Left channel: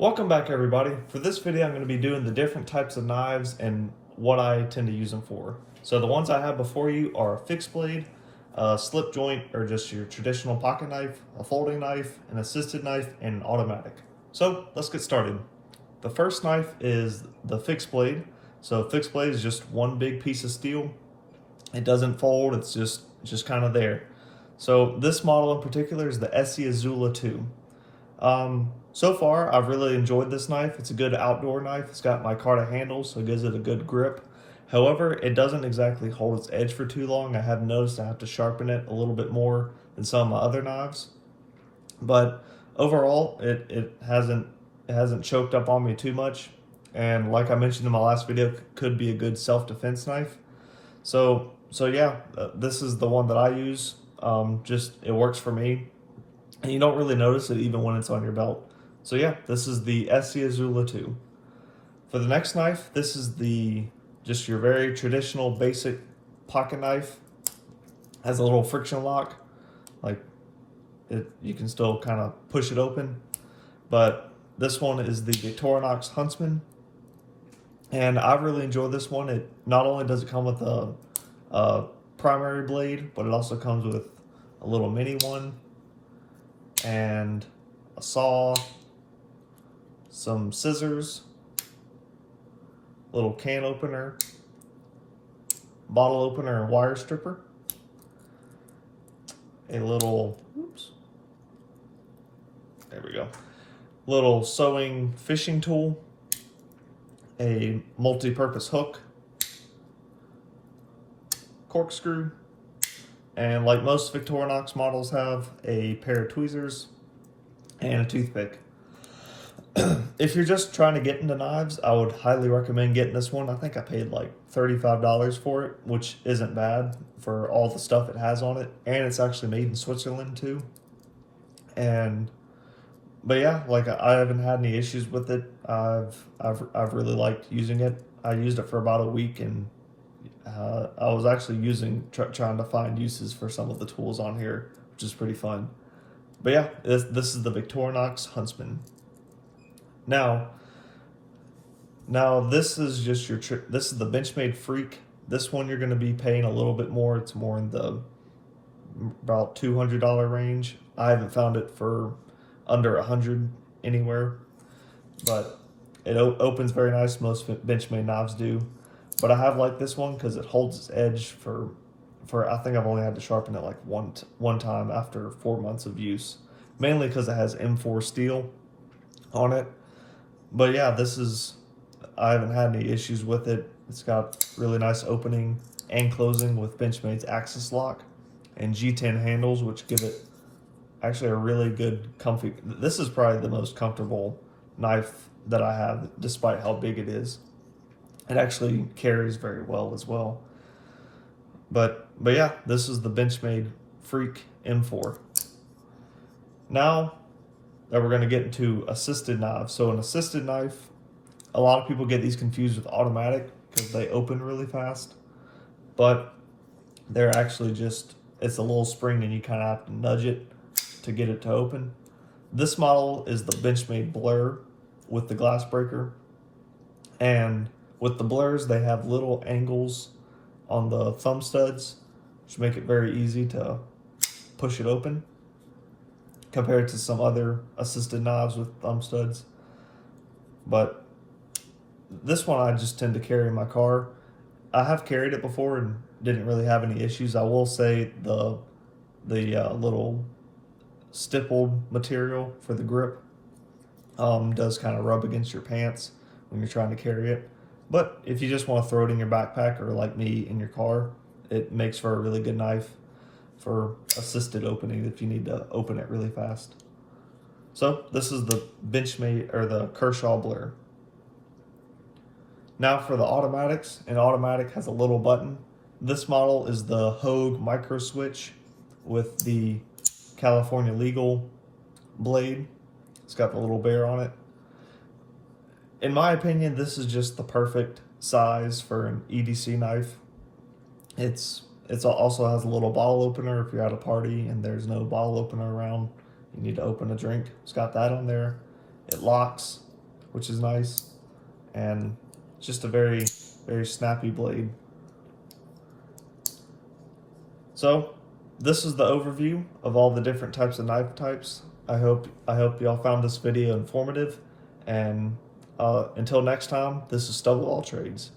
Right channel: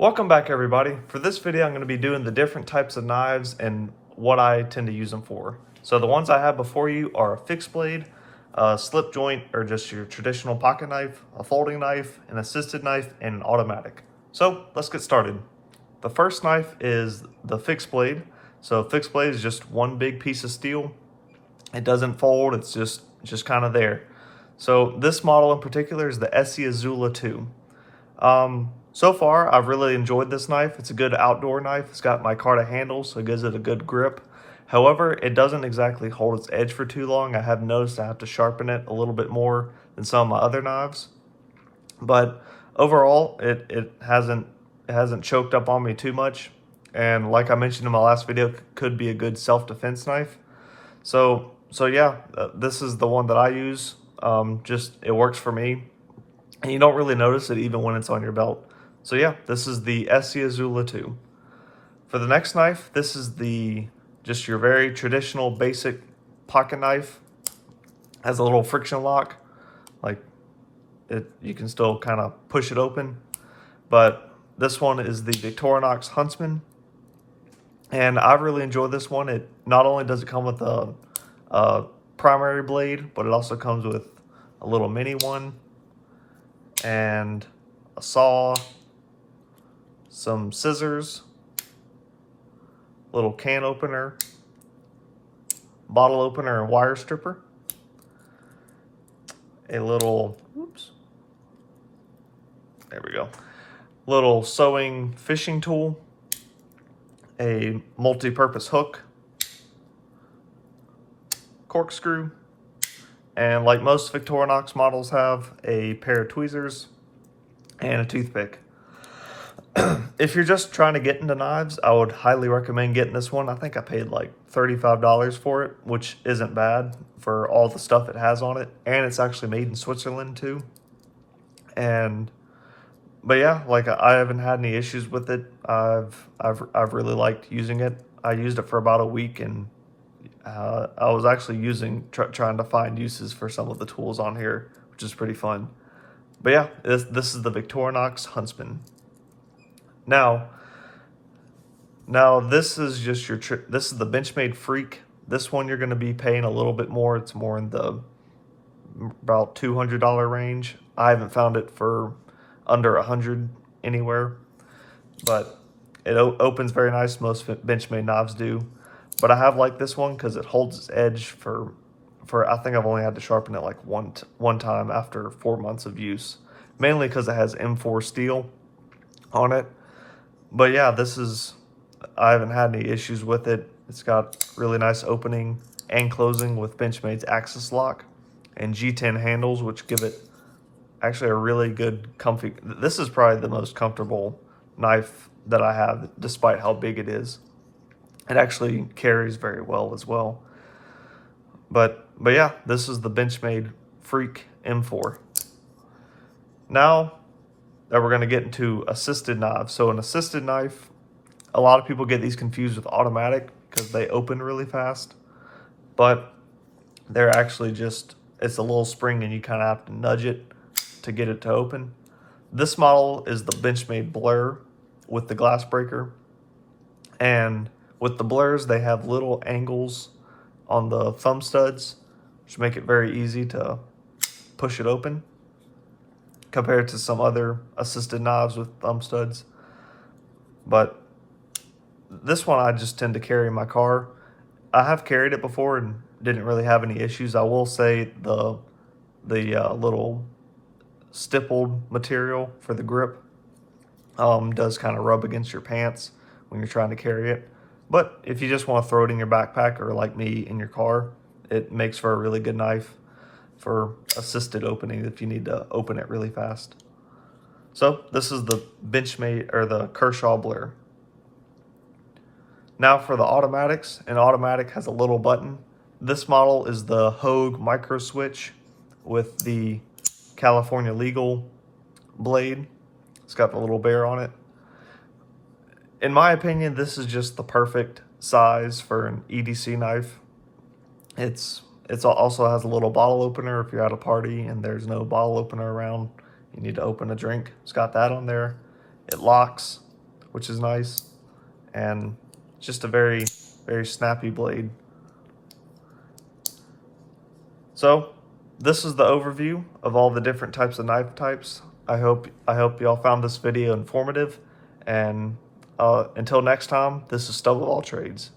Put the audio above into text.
Welcome back everybody. For this video I'm going to be doing the different types of knives and what I tend to use them for. So the ones I have before you are a fixed blade, a slip joint or just your traditional pocket knife, a folding knife, an assisted knife, and an automatic. So let's get started. The first knife is the fixed blade. So fixed blade is just one big piece of steel. It doesn't fold, it's just kind of there. So this model in particular is the Essie Azula 2. So far, I've really enjoyed this knife. It's a good outdoor knife. It's got micarta handles, so it gives it a good grip. However, it doesn't exactly hold its edge for too long. I have noticed I have to sharpen it a little bit more than some of my other knives. But overall, it hasn't choked up on me too much. And like I mentioned in my last video, it could be a good self-defense knife. So yeah, this is the one that I use. Just it works for me. And you don't really notice it even when it's on your belt. So yeah, this is the Essie Azula 2. For the next knife, this is just your very traditional basic pocket knife. Has a little friction lock. Like you can still kind of push it open. But this one is the Victorinox Huntsman. And I really enjoy this one. It not only does it come with a primary blade, but it also comes with a little mini one and a saw, some scissors, little can opener, bottle opener and wire stripper, a little, there we go, little sewing fishing tool, a multi-purpose hook, corkscrew, and like most Victorinox models have, a pair of tweezers and a toothpick. If you're just trying to get into knives, I would highly recommend getting this one. I think I paid like $35 for it, which isn't bad for all the stuff it has on it. And it's actually made in Switzerland too. But yeah, like I haven't had any issues with it. I've really liked using it. I used it for about a week, and I was actually trying to find uses for some of the tools on here, which is pretty fun. But yeah, this is the Victorinox Huntsman. Now this is just this is the Benchmade Freak. This one you're going to be paying a little bit more. It's more in the about $200 range. I haven't found it for under $100 anywhere, but it opens very nice. Most Benchmade knives do, but I have liked this one because it holds its edge for I think I've only had to sharpen it like one time after 4 months of use, mainly because it has M4 steel on it. But yeah, I haven't had any issues with it. It's got really nice opening and closing with Benchmade's Axis lock and G10 handles, which give it actually a really good comfy. This is probably the most comfortable knife that I have, despite how big it is. It actually carries very well as well. But yeah, this is the Benchmade Freak M4. Now that we're going to get into assisted knives. So an assisted knife, a lot of people get these confused with automatic because they open really fast, but they're actually it's a little spring and you kind of have to nudge it to get it to open. This model is the Benchmade Blur with the glass breaker, and with the blurs they have little angles on the thumb studs which make it very easy to push it open compared to some other assisted knives with thumb studs. But this one I just tend to carry in my car. I have carried it before and didn't really have any issues. I will say the little stippled material for the grip does kind of rub against your pants when you're trying to carry it. But if you just want to throw it in your backpack or like me in your car, it makes for a really good knife for assisted opening if you need to open it really fast. So this is the Benchmade or the Kershaw Blur. Now for the automatics, an automatic has a little button. This model is the Hogue Micro Switch with the California Legal blade. It's got the little bear on it. In my opinion, this is just the perfect size for an EDC knife. It also has a little bottle opener if you're at a party and there's no bottle opener around. You need to open a drink. It's got that on there. It locks. which is nice, and just a very, very snappy blade. So this is the overview of all the different types of knife types. I hope y'all found this video informative, and until next time, this is Stove of All Trades.